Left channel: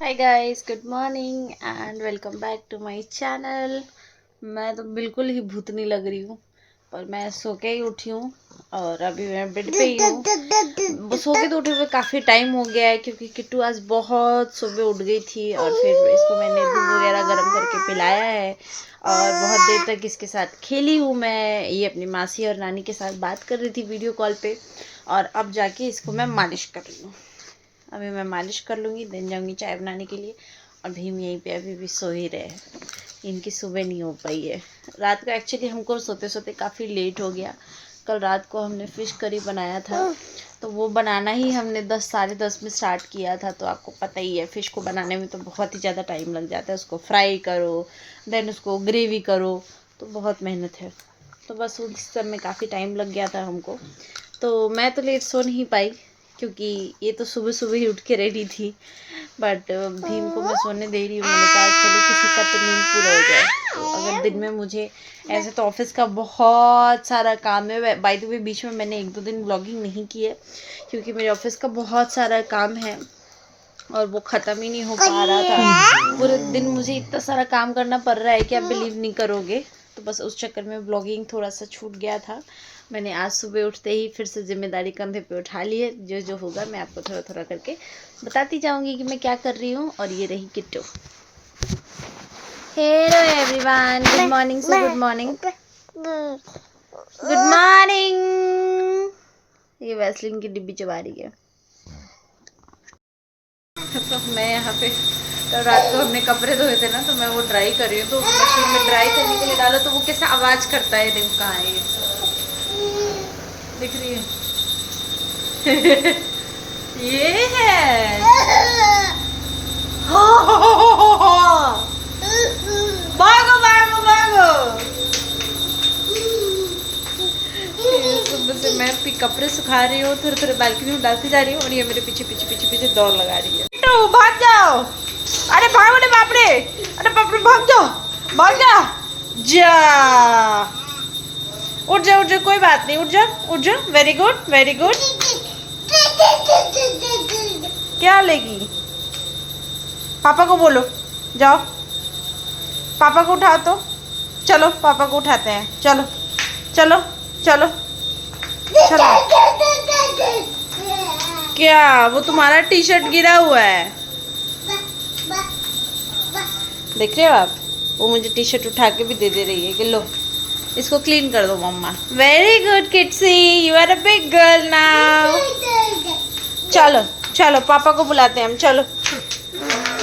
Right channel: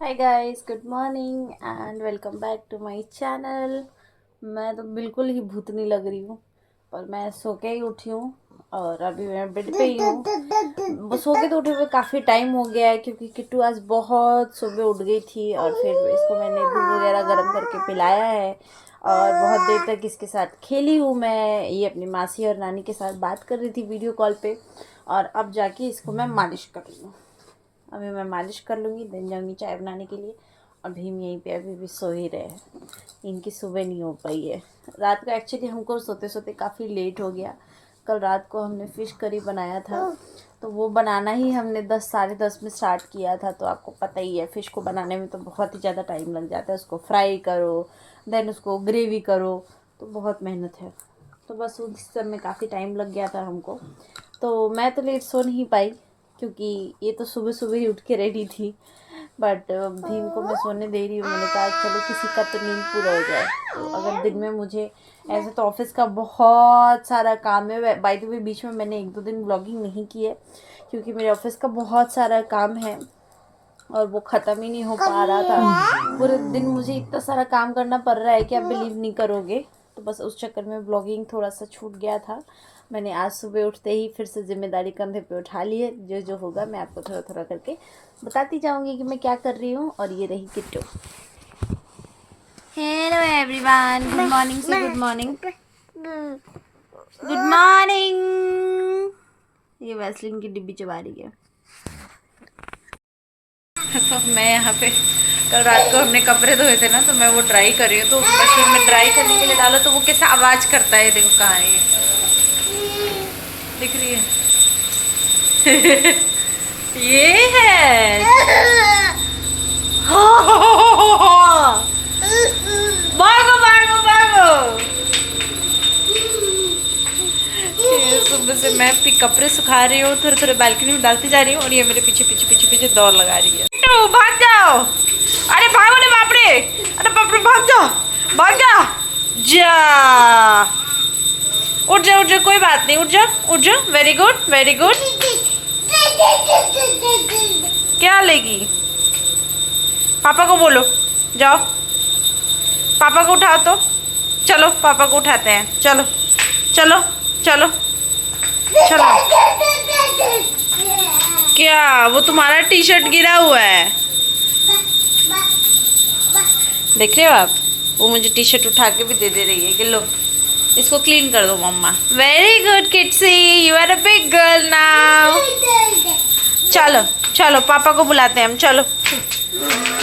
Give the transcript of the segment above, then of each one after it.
Hi guys, good morning and welcome back to my channel. मैं तो बिल्कुल ही भूतनी लग रही हूँ, पर मैं सो के ही उठी हूँ और अभी मैं बेड पे ही हूँ। वो सो के तो उठे हुए काफ़ी टाइम हो गया है क्योंकि किट्टू आज बहुत सुबह उठ गई थी और फिर इसको मैंने दूध वगैरह गर्म करके पिलाया है और बहुत देर तक इसके साथ खेली हूँ। मैं ये अपनी मासी और नानी के साथ बात कर रही थी वीडियो कॉल पे और अब जाके इसको मैं मालिश कर रही हूँ। अभी मैं मालिश कर लूँगी, देन जाऊँगी चाय बनाने के लिए। और भीम यहीं पे अभी भी सो ही रहे हैं, इनकी सुबह नहीं हो पाई है। रात को एक्चुअली हमको सोते सोते काफ़ी लेट हो गया। कल रात को हमने फ़िश करी बनाया था, तो वो बनाना ही हमने 10 साढ़े 10 में स्टार्ट किया था। तो आपको पता ही है, फ़िश को बनाने में तो बहुत ही ज़्यादा टाइम लग जाता है। उसको फ्राई करो, देन उसको ग्रेवी करो, तो बहुत मेहनत है। तो बस उस सब में काफ़ी टाइम लग गया था हमको, तो मैं तो लेट सो नहीं पाई क्योंकि ये तो सुबह सुबह ही उठ के रेडी थी। बट भीम को मैं सोने दे रही हूँ। मैंने कहा चलो किसी का तो नींद पूरा हो जाए। तो अगर दिन में मुझे ऐसे तो ऑफिस का बहुत सारा काम है। बाय द वे बीच में मैंने 1-2 दिन ब्लॉगिंग नहीं की है क्योंकि मेरे ऑफिस का बहुत सारा काम है और वो ख़त्म ही नहीं हो पा रहा था। पूरे दिन मुझे इतना सारा काम करना पड़ रहा है कि आप बिलीव नहीं करोगे। तो बस उस चक्कर में ब्लॉगिंग थोड़ा सा छूट गया था। मैंने आज सुबह उठते ही फिर से जिम्मेदारी कंधे पे उठा ली है। जो जो होगा मैं आपको थोड़ा थोड़ा करके बताती जाऊंगी कि मैं क्या कर रही हूँ। और ये रही Kittu. Hello everyone, good morning से गुड मॉर्निंग, गुड मॉर्निंग। ये वैसलीन की डिब्बी चबा रही है। तो मैं यहाँ पे कल रात को हमने कपड़े धोए थे ना, तो मैं वो ड्राई कर रही हूँ। तो मशीन में ड्राई करने के लिए डालो तो वो कैसा आवाज़ करता है। देखो कहाँ है ये, दिख रही है। ये है। भागो भागो भागो। सुबह से मैं भी कपड़े सुखा रही हूँ, थोड़े थोड़े बालकनी में डालती जा रही हूँ और ये मेरे पीछे पीछे पीछे पीछे दौड़ लगा रही है। तो भाग जाओ, अरे भागो रे बाप रे, अरे बाप रे, भाग जाओ भाग जाओ। जा, उठ जा, कोई बात नहीं, उठ जा, वेरी गुड वेरी गुड। क्या लेगी? पापा को बोलो, जाओ पापा को उठाओ। तो चलो पापा को उठाते हैं, चलो चलो चलो चलो। क्या वो तुम्हारा टी शर्ट गिरा हुआ है? देख रहे हो आप? वो मुझे टी शर्ट उठा के भी दे रही है कि लो इसको क्लीन कर दो मम्मा। Very good kidsy, you are a big girl now. चलो चलो पापा को बुलाते हैं हम, चलो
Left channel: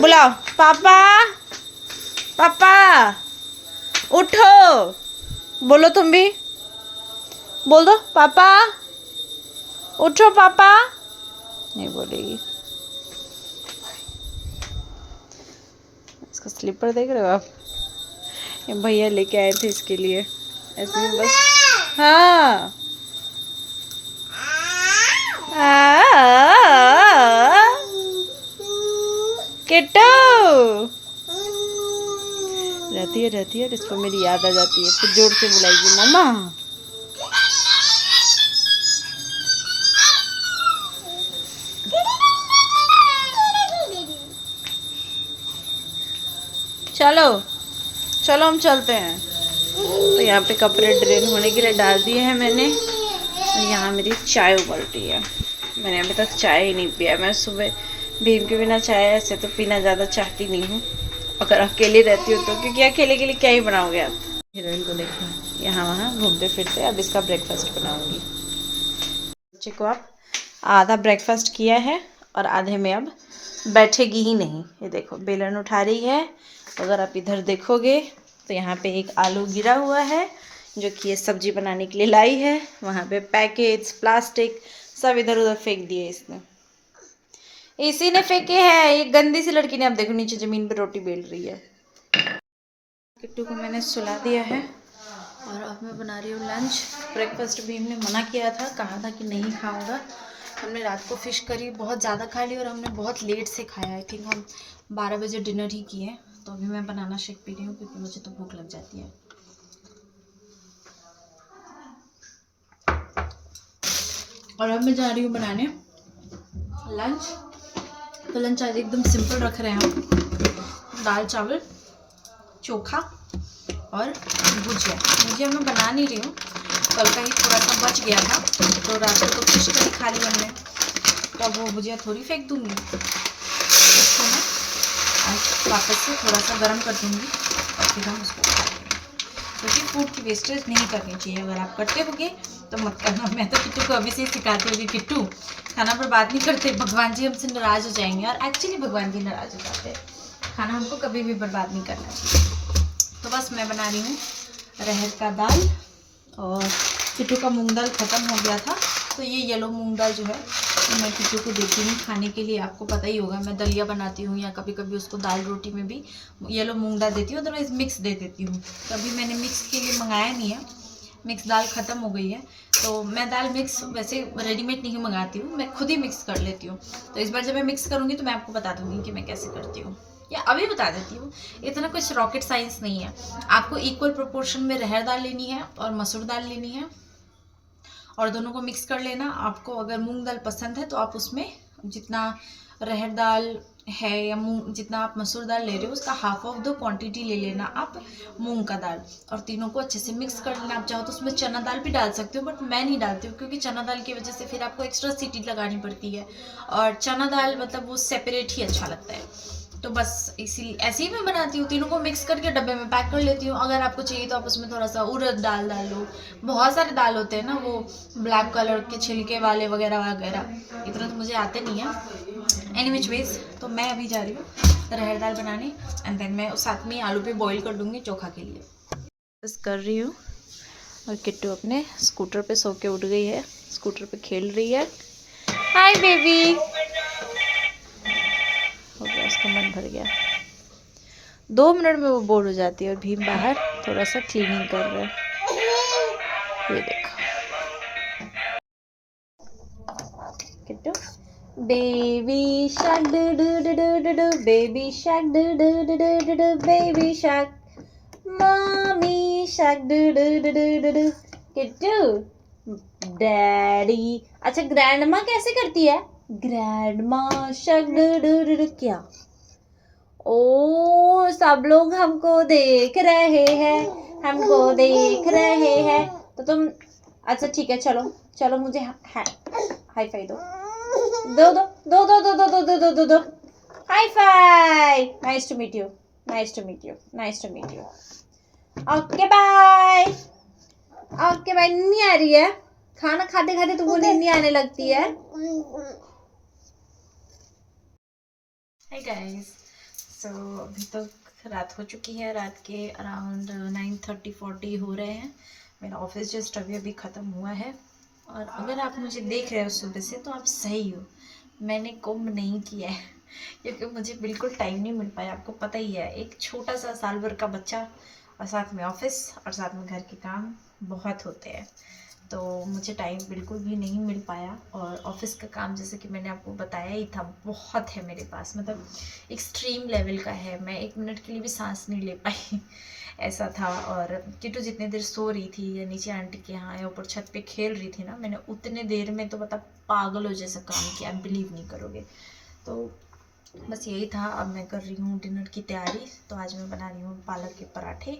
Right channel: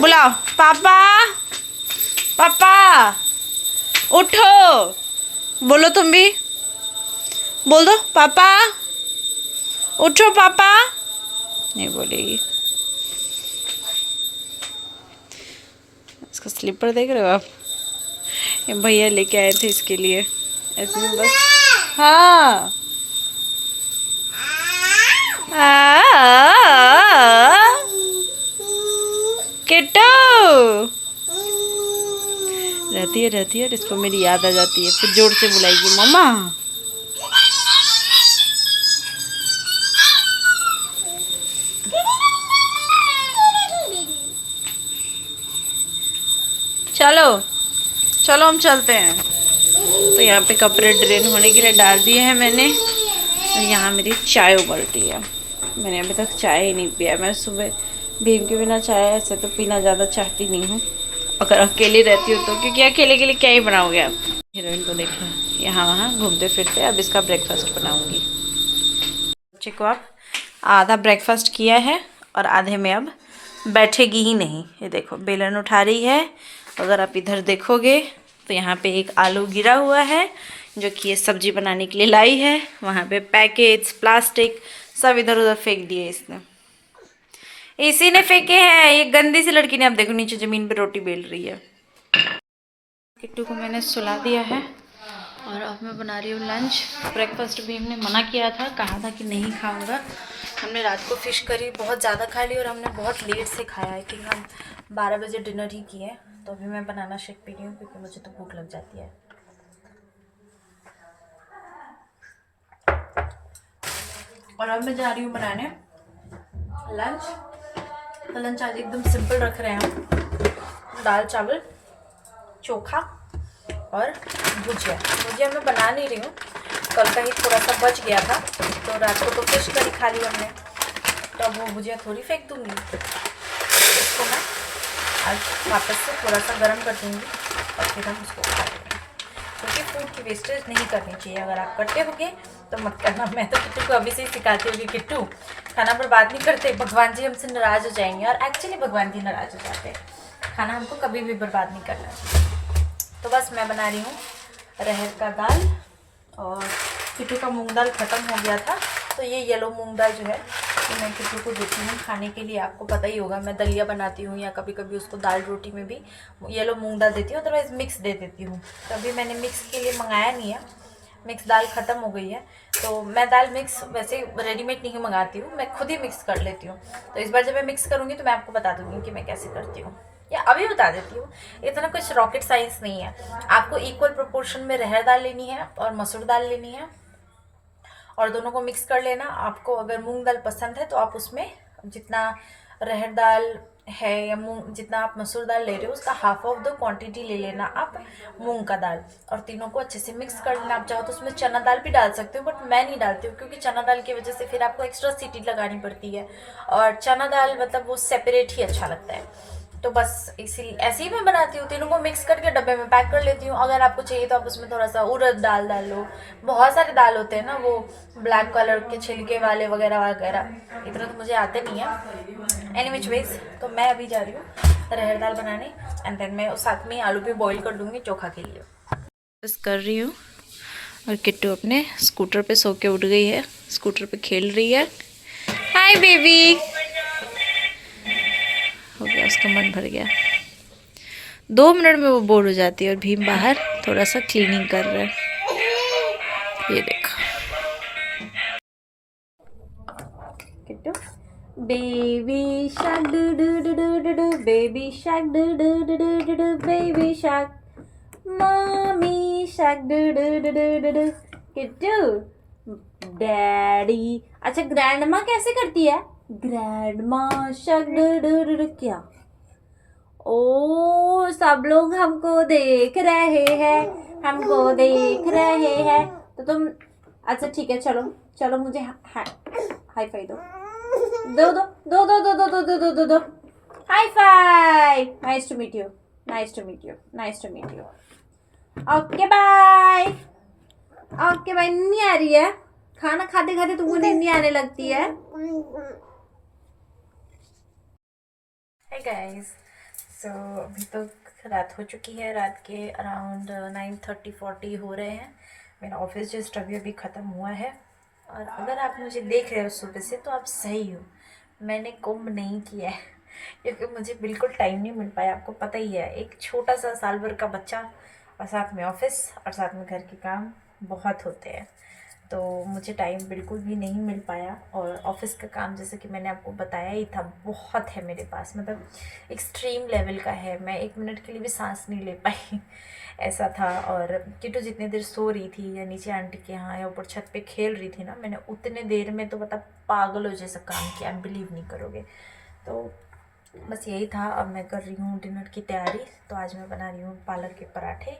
बुलाओ पापा। पापा उठो, बोलो तुम भी, बोल दो पापा, उठो पापा। नहीं बोलेगी। इसका स्लीपर देख रहे हो आप? ये भैया लेके आए थे इसके लिए, ऐसे में बस। हाँ किट्टू रहती है और इसको मेरी याद आ जाती है, फिर जोर से बुलाएगी मम्मा। चलो चलो हम चलते हैं। तो यहाँ पे कपड़े ड्रेन होने के लिए डाल दिए हैं मैंने और यहाँ मेरी चाय उबल रही है। मैंने अभी तक चाय ही नहीं पिया। मैं सुबह भीम के बिना चाय ऐसे तो पीना ज़्यादा चाहती नहीं हूँ, अगर अकेली रहती हूँ तो, क्योंकि अकेले के लिए क्या ही बनाओगे आप। हीरोइन को देखना यहाँ वहाँ घूमते फिरते। अब इसका ब्रेकफास्ट बनाऊँगी। बच्चे को अब आधा ब्रेकफास्ट किया है और आधे में अब बैठेगी ही नहीं। ये देखो बेलन उठा रही है। अगर आप इधर देखोगे तो यहाँ पे एक आलू गिरा हुआ है जो कि ये सब्जी बनाने के लिए लाई है। वहाँ पे पैकेट्स प्लास्टिक सब इधर उधर फेंक दिए इसने, इसी ने फेंके हैं। ये गंदी सी लड़की ने, अब देखो नीचे ज़मीन पे रोटी बेल रही है। किट्टू को मैंने सुला दिया है और अब मैं बना रही हूँ लंच। ब्रेकफास्ट भी हमने मना किया था, कहा था कि नहीं खाऊंगा। हमने रात को फ़िश करी बहुत ज़्यादा खा ली और हमने बहुत लेट से खाया है क्योंकि हम 12 बजे डिनर ही किए। तो अभी मैं बनाना शेक पी रही हूँ क्योंकि मुझे तो भूख लग जाती है। और अब मैं जा रही हूँ बनाने लंच। तो लंच आज एकदम सिंपल रख रहे हैं हम। दाल चावल, चोखा और भुजिया मैं बना नहीं रही हूँ, कल का ही थोड़ा सा बच गया था तो रात को तो फिश करी खा ली हमने, तो अब वो भुजिया थोड़ी फेंक दूँगी, उसको मैं आज वापस से थोड़ा सा गर्म कर दूँगी और फिर हम उसको खा लेंगे, क्योंकि फूड की वेस्टेज नहीं करनी चाहिए। अगर आप करते होगे तो मत करना। मैं तो किट्टू को अभी से ही सिखाती हूँ कि किट्टू खाना बर्बाद नहीं करते, भगवान जी हमसे नाराज़ हो जाएंगे, और एक्चुअली भगवान जी नाराज़ हो जाते हैं। खाना हमको कभी भी बर्बाद नहीं करना चाहिए। तो बस मैं बना रही हूँ अरहर का दाल, और किट्टू का मूंग दाल ख़त्म हो गया था, तो ये येलो मूंग दाल जो है तो मैं किट्टू को देती हूँ खाने के लिए। आपको पता ही होगा, मैं दलिया बनाती हूँ या कभी कभी उसको दाल रोटी में भी येलो मूंग दाल देती हूँ, अदरवाइज़ मिक्स दे देती हूँ। कभी मैंने मिक्स के लिए मंगाया नहीं है, मिक्स दाल ख़त्म हो गई है, तो मैं दाल मिक्स वैसे रेडीमेड नहीं मंगाती हूँ, मैं खुद ही मिक्स कर लेती हूँ। तो इस बार जब मैं मिक्स करूँगी तो मैं आपको बता दूँगी कि मैं कैसे करती हूँ, या अभी बता देती हूँ। इतना कुछ रॉकेट साइंस नहीं है। आपको इक्वल प्रोपोर्शन में अरहर दाल लेनी है और मसूर दाल लेनी है, और दोनों को मिक्स कर लेना। आपको अगर मूंग दाल पसंद है तो आप उसमें जितना अरहर दाल है या मूंग, जितना आप मसूर दाल ले रहे हो उसका हाफ ऑफ द क्वांटिटी ले लेना आप मूंग का दाल, और तीनों को अच्छे से मिक्स कर लेना। आप चाहो तो उसमें चना दाल भी डाल सकते हो, बट मैं नहीं डालती हूँ, क्योंकि चना दाल की वजह से फिर आपको एक्स्ट्रा सीटी लगानी पड़ती है, और चना दाल मतलब वो सेपरेट ही अच्छा लगता है। तो बस इसी ऐसे ही मैं बनाती हूँ, तीनों को मिक्स करके डब्बे में पैक कर लेती हूँ। अगर आपको चाहिए तो आप उसमें थोड़ा सा उड़द दाल डाल लो, बहुत सारे दाल होते हैं ना वो ब्लैक कलर के छिलके वाले वगैरह वगैरह, इतना तो मुझे आते नहीं है। एनी विच वेज, तो मैं अभी जा रही हूँ अरहर दाल बनाने, एंड देन मैं साथ में आलू भी बॉईल कर दूँगी चोखा के लिए। बस कर रही हूँ, और किट्टू अपने स्कूटर पे सो के उठ गई है, स्कूटर पे खेल रही है। हाय बेबी, हो गया उसका मन भर गया। 2 मिनट में वो बोर हो जाती है, और भीम बाहर थोड़ा सा क्लीनिंग कर रहा है। ये देखो Kittu, baby shark do do do do do do, baby shark do do do do do do, baby shark, mummy shark do do do do do do. Kittu, daddy. अच्छा ग्रैंडमा कैसे करती है? Grandma shark do do do do. क्या? ओ सब लोग हमको देख रहे हैं, हमको देख रहे हैं, तो तुम अच्छा ठीक है, चलो चलो मुझे हाई फाई दो दो दो दो दो दो दो दो दो दो दो high five. Nice to meet you, nice to meet you, nice to meet you. Okay bye, okay bye. नहीं आ रही है? खाना खाते खाते तुमको नींद नहीं आने लगती है? हे गाइस, सो अभी तो रात हो चुकी है, रात के अराउंड 9:30-40 हो रहे हैं। मेरा ऑफिस जस्ट अभी अभी ख़त्म हुआ है, और अगर आप मुझे देख रहे हो सुबह से तो आप सही हो, मैंने कुंभ नहीं किया है क्योंकि मुझे बिल्कुल टाइम नहीं मिल पाया। आपको पता ही है, एक छोटा सा साल भर का बच्चा, और साथ में ऑफिस, और साथ में घर के काम बहुत होते हैं, तो मुझे टाइम बिल्कुल भी नहीं मिल पाया। और ऑफ़िस का काम जैसे कि मैंने आपको बताया ही था, बहुत है मेरे पास, मतलब एक्सट्रीम लेवल का है। मैं 1 मिनट के लिए भी सांस नहीं ले पाई ऐसा था। और किट्टू जितनी देर सो रही थी या नीचे आंटी के यहाँ या ऊपर छत पे खेल रही थी ना, मैंने उतने देर में तो मतलब पागल हो जैसा काम किया, आप बिलीव नहीं करोगे। तो बस यही था। अब मैं कर रही हूँ डिनर की तैयारी। तो आज मैं बना रही हूँ पालक के पराठे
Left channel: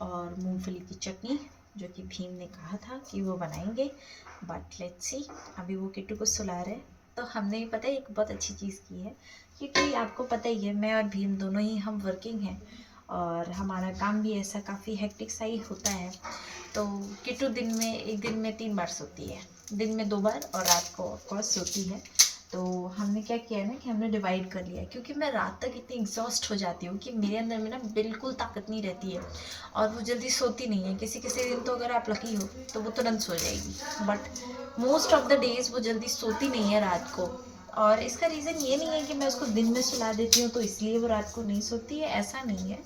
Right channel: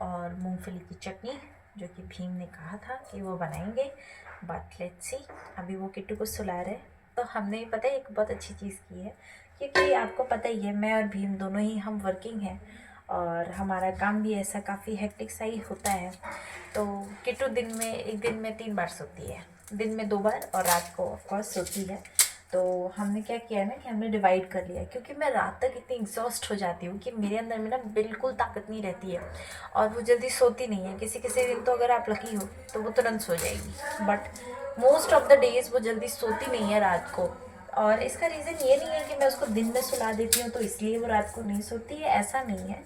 और मूंगफली की चटनी, जो कि भीम ने कहा था कि वो बनाएंगे, बट लेट्स सी। अभी वो किट्टू को सुला रहे, तो हमने पता है एक बहुत अच्छी चीज़ की है, क्योंकि आपको पता ही है मैं और भीम दोनों ही हम वर्किंग हैं, और हमारा काम भी ऐसा काफ़ी हेक्टिक सा ही होता है। तो किट्टू एक दिन में 3 बार सोती है, दिन में 2 बार, और रात को ऑफकोर्स सोती है। तो हमने क्या किया है ना कि हमने डिवाइड कर लिया है, क्योंकि मैं रात तक इतनी एग्जॉस्ट हो जाती हूँ कि मेरे अंदर में ना बिल्कुल ताकत नहीं रहती है, और वो जल्दी सोती नहीं है। किसी किसी दिन तो अगर आप लकी हो तो वो तुरंत सो जाएगी, but most of the days वो जल्दी सोती नहीं है रात को। और इसका रीज़न ये नहीं है कि मैं उसको दिन में सुला देती हूँ तो इसलिए वो रात को नहीं सोती है, ऐसा नहीं है।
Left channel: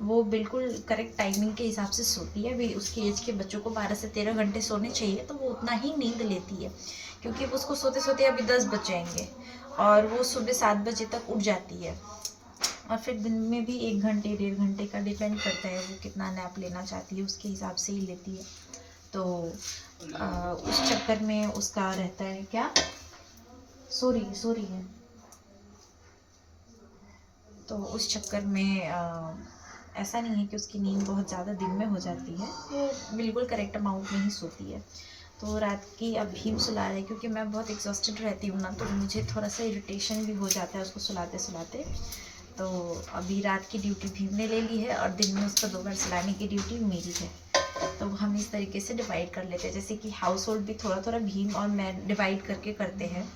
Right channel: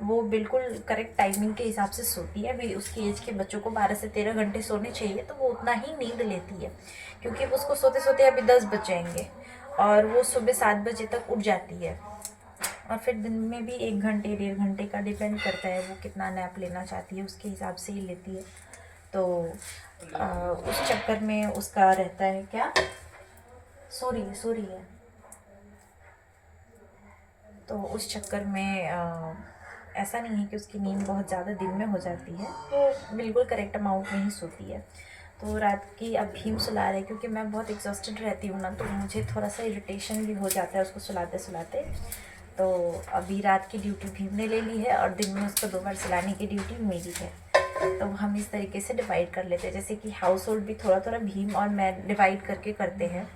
वो बिल्कुल करेक्ट टाइमिंग के हिसाब से सोती है। अभी उसकी एज के बच्चों को 12 से 13 घंटे सोने चाहिए, तो वो उतना ही नींद लेती है, क्योंकि उसको सोते सोते अभी 10 बज जाएंगे, और वो सुबह 7 बजे तक उठ जाती है। और फिर दिन में भी 1 घंटे 1.5 घंटे का डिपेंड करता है वो कितना नैप लेना चाहती है, उसके हिसाब से ही लेती है। तो उस चक्कर में उसका रहता है क्या, सो रही है तो उस चक्कर में ऐसा नहीं है कि उसकी नींद बहुत ज़्यादा दिन में हो जाती है, वो बिल्कुल करेक्ट अमाउंट में ही सोती है। तो रात की अब भीम सुला रहे, क्योंकि मैं बहुत एग्जॉस्टेड रहती हूँ ना, तो मुझे थोड़ा सा इरिटेशन भी हो जाता है उसको सुलाते सुलाते। तो अभी रात की ड्यूटी भीम ने ले ली है और दिन में उसको 2 बार सुलाने की ड्यूटी मेरी है। तो हम इस तरीके से डिवाइड कर लेते हैं, जैसे कि हाउस होल्ड भी थोड़ा थोड़ा भीम और मैं डिवाइड करके करते हैं।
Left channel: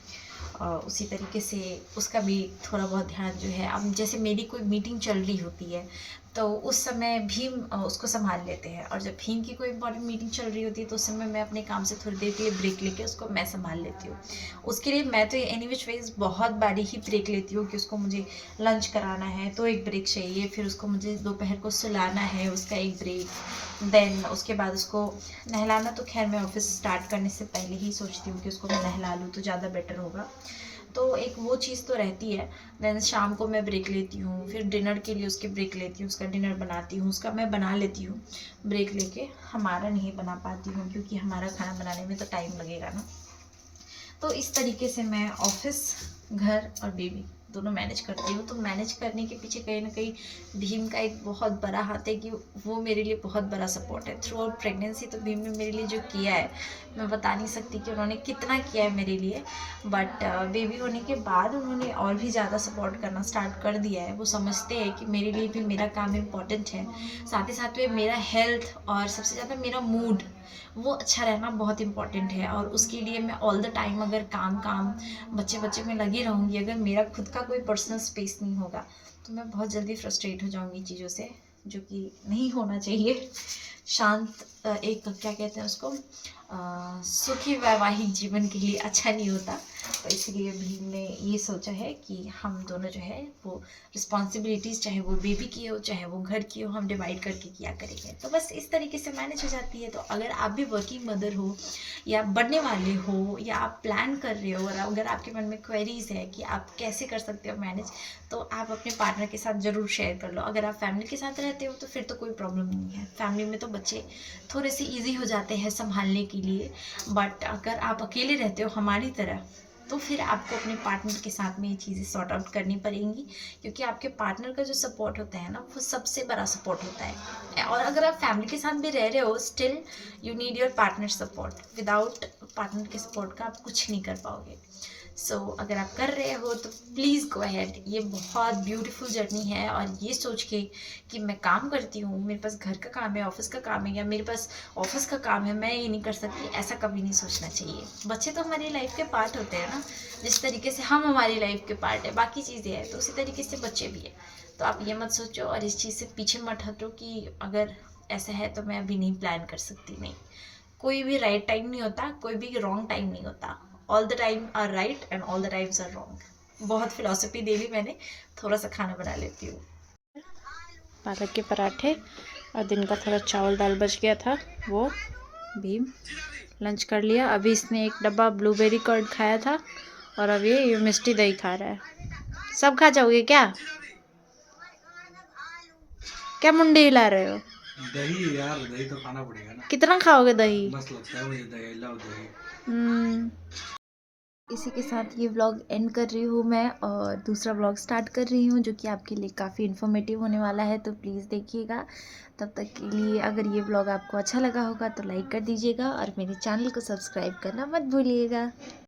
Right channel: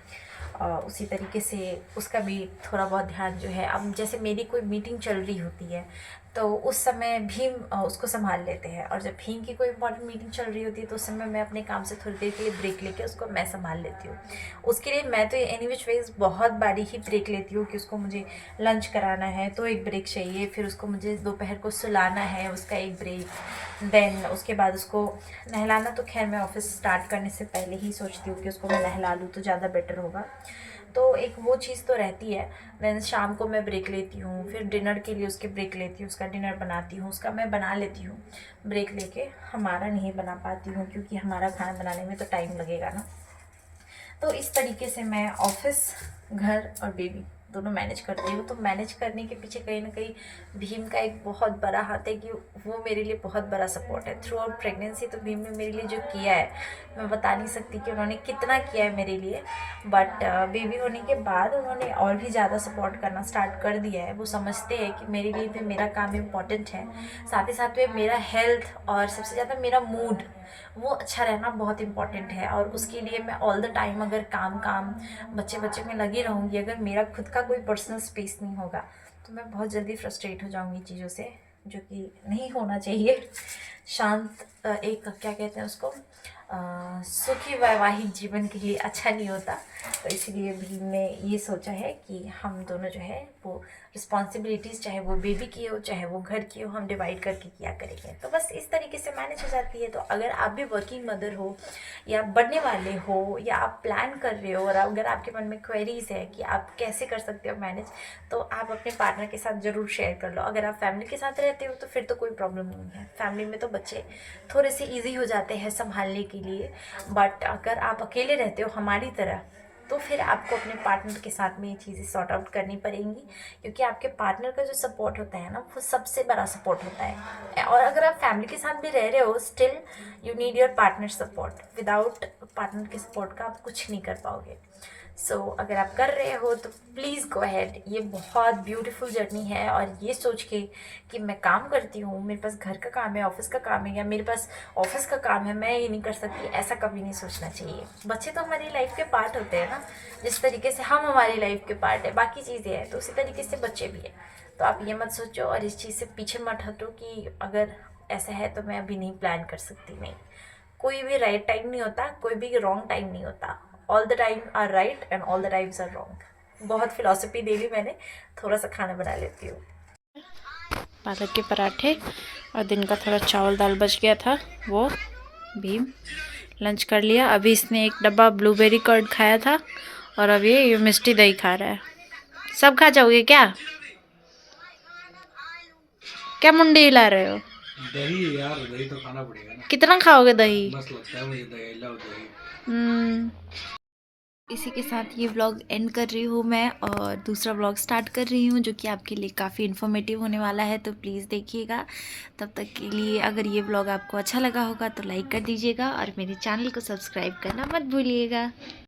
उसी तरीके से उसका भी थोड़ा बहुत ध्यान जो है, अब जैसे मेरी कोई मीटिंग चल रही होती है तो उस समय भीम उसको संभाल लेते हैं, और जब भीम की कोई इंपॉर्टेंट मीटिंग चल रही होती है तो उस समय मैं अपने काम से थोड़ी देर के लिए ब्रेक लेके उसको मैं संभाल लेती हूँ। उसके लिए मैं तो एनी विच वेज बहुत बारी ही ब्रेक लेती हूँ कि उसको मुझे लंच कराना है तो एक ब्रेक चाहिए, फिर उसको मुझे दोपहर को सुलाना है, उसका एक ब्रेक, देन उसके बाद उसको नहलाना। तो खैर मैं ऑफिस स्टार्ट करने से पहले ही सोचती हूँ कि उसको मैं नहला लूँ तो ज़्यादा बेटर होगा। तो एक वो चीज़ तो रहती है। देन शाम को मैं ब्रेक लेती हूँ, फिर डिनर के लिए उसके ब्रेक लेती हूँ, उसका डिनर बनाती हूँ, उसका मैं बना लेती हूँ ब्रेक लेके। हमारा नहीं बना पाती हूँ क्योंकि हमारा खाना बनाने में तो टाइम लगेगा ना। तो इस तरीके से मैं ऑफिस, घर और बेबी दोनों मैनेज करती हूँ। तो मैनेज करने के पीछे कहीं ना कहीं भीम का एक बहुत बड़ा हाथ है कि वो मेरे लिए बहुत बड़ा सपोर्ट है थ्रू आउट प्रेगनेंसी। तो भीम ने मेरे लिए जो किया है मैं बता नहीं सकती कि उन्होंने कितना किया है मेरे लिए, बट बेबी होने के बाद उन्होंने और भी ज़्यादा सपोर्ट करना स्टार्ट कर दिया है। वो समझते हैं कि मेरे लिए भी मेरा काम इम्पॉर्टेंट है, साथ ही साथ में मेरा हेल्थ और सबसे ज़्यादा मेरा मूड वो अच्छा रहना बहुत इंपॉर्टेंट है। और उसके लिए मैं ऑल द टाइम अगर काम काम बच्चे बच्चे में लगी रहूँगी, अगर मेरा खुद का कोई पर्सनल स्पेस नहीं होगा तो मैं बहुत जल्दी फ्रस्ट्रेट हो जाऊँगी चीज़ों से, जो कि नहीं होना चाहिए। शांत एक क्या कहते हैं उसको, सुखी वैवाहिक जीवन के लिए अच्छा नहीं होता। तो इसलिए भीम ने ये सोचा है कि हम दोनों जो है वो रिस्पॉन्सिबिलिटीज़, चाहे वो बेबी की हो चाहे वो घर की हो, हम डिवाइड करके किया करेंगे। तो बस इस तरीके से मैनेज हो जाती है। तो अगर आप भी वर्किंग मदर हो या बनने वाले हो या आप प्लान कर रहे हो और अगर आपके मन में क्वेरीज़ है कि आप कैसे कर सकते हो मैनेज, तो आप अपने पार्टनर के साथ ज़रूर शेयर कर लो। अगर आप फैमिली के साथ रहते हो तो फिर तो कोई प्रॉब्लम नहीं है, फैमिली में तो बच्चे थोड़े से ईजी हो जाते हैं संभालने के लिए। बट अगर आप अकेले रहते हो हमारी तरह, तो फिर आपको अपने पार्टनर के साथ में ये चीज़ें सॉर्ट आउट करनी पड़ेंगी, क्योंकि आपके पार्टनर का जो सपोर्ट होता है ना वो सबसे बड़ा सपोर्ट होता है। और अगर आप फैमिली के साथ भी रह रहे हो, still you need your partner support. Without partner के सपोर्ट का आप कुछ नहीं कर पाओगे। सो अगर आप कर रहे हो तो प्लीज़ गो अहेड। ये बहुत ब्यूटीफुल जर्नी है, और ये सोच के कि मैं काम करती हूँ, मेरे पास घर का काम है, ऑफिस का काम है, या मेरे पास ऑफिस का काम है, मैं ये नहीं कर सकती, ऐसा कभी नहीं सोचना चाहिए। बच्चे तो हमारी लाइफ के पार्ट होते हैं ना, जिस तरीके से हम हमारी लाइफ के पार्ट है, बाकी चीज़ें हैं तो उसी तरीके से बच्चे भी हैं। तो आप ये मत सोचो और इस चीज़ से पीछे मत हटो कि अगर ऐसा है तो मैं अभी नहीं प्लान कर सकती। नहीं, कोई भी राइट टाइम नहीं होता, कोई भी रॉन्ग टाइम नहीं होता। All the time are right and all the times are wrong. बहुत फिलॉसफी दे ली मैंने, थोड़ा सा खाना बना लेती हूँ। पालक के पराठे और दिन का थोड़ा चावल दाल बच गया था, वो भीम लंच कर लिया। अभी इसने एक डब्बा ब्लूबेरी कर्ड खाया था और अब ये मिष्टी दही खा रहा है। सब खा जाओगे क्या? क्या मुंडी हिला रहे हो? दही यार, दही तो खाना पड़ेगा ना। कितना खाओगे दही? मस्त लगता है मुझे दही, लाओ दही। इसी के साथ ये व्लॉग एंड कर रही हूँ मैं, और दूसरा व्लॉग स्टार्ट कर रही हूँ जो कि आपके लिए काफ़ी इन्फॉर्मेटिव होने वाला है, तो प्लीज़ देखिएगा। तब तक के लिए अगर ये व्लॉग आपको अच्छा लगा होगा तो लाइक कर दीजिएगा और मेरे चैनल को सब्सक्राइब करना मत भूलिएगा।